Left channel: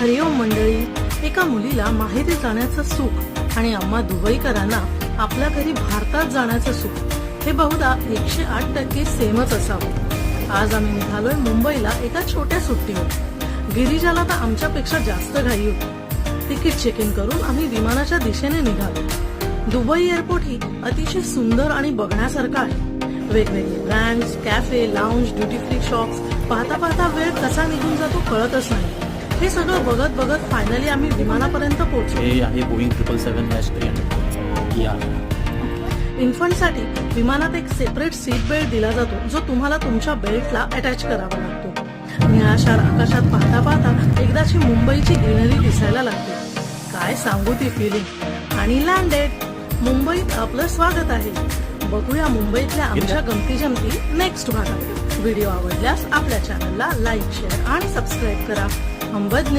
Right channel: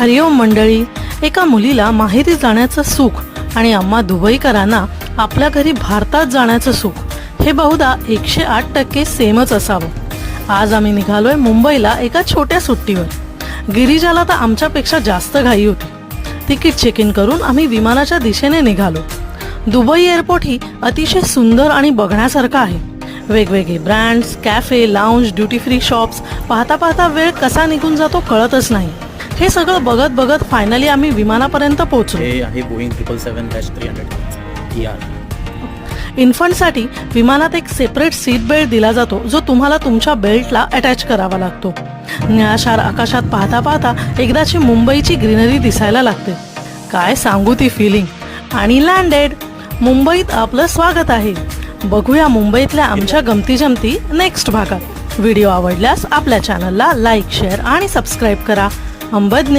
हरिओम मंडळी, एका मुलीला माहेरी जाण्याचं सुख आणि आम्हा दुबईकरांना आपल्या घरी भारतात जाण्याचं सुख हे बहुधा 108% सेमच असावं। आज आम्ही निघालोय मुंबईला एका छोट्या सुट्टीवर। गिरिजाला तर आमच्यापेक्षा जास्त घाई होती। तिकीट चेक इन करून आम्ही विमानाच्या दिशेने निघालो। दुबई एअरपोर्ट ही अतिशय सुंदर आणि बघण्यासारखं आहे। वेगवेगळे brands, cafe, lounge, duty free shops पाहता पाहता वेळ कसा निघून जातो कळतच नाही। हे सगळं बघत बघत फायनली आम्ही विमानापर्यंत पोहोचलो। हे आहे बोईंग 777-300 इन्फंटसाठी विमानात एक सेपरेट सीट बेल्ट दिला जातो, जो तुम्हाला तुमच्या बेल्टला अटॅच करावा लागतो। निळाशार आकाशात पाहता पाहता एकदाची मुंबईची ग्रीनरी दिसायला लागते। काय सांगू ती फिलिंग। आणि लँडेड। मुंबईत आपलं स्वागत आहे। बघूया मुंबईतल्या आमच्या गमती जमती नेक्स्ट भागात। व्हिडिओ आवडल्यास आपल्या चॅनलला लाईक, शेअर आणि सबस्क्राईब करा। अंबद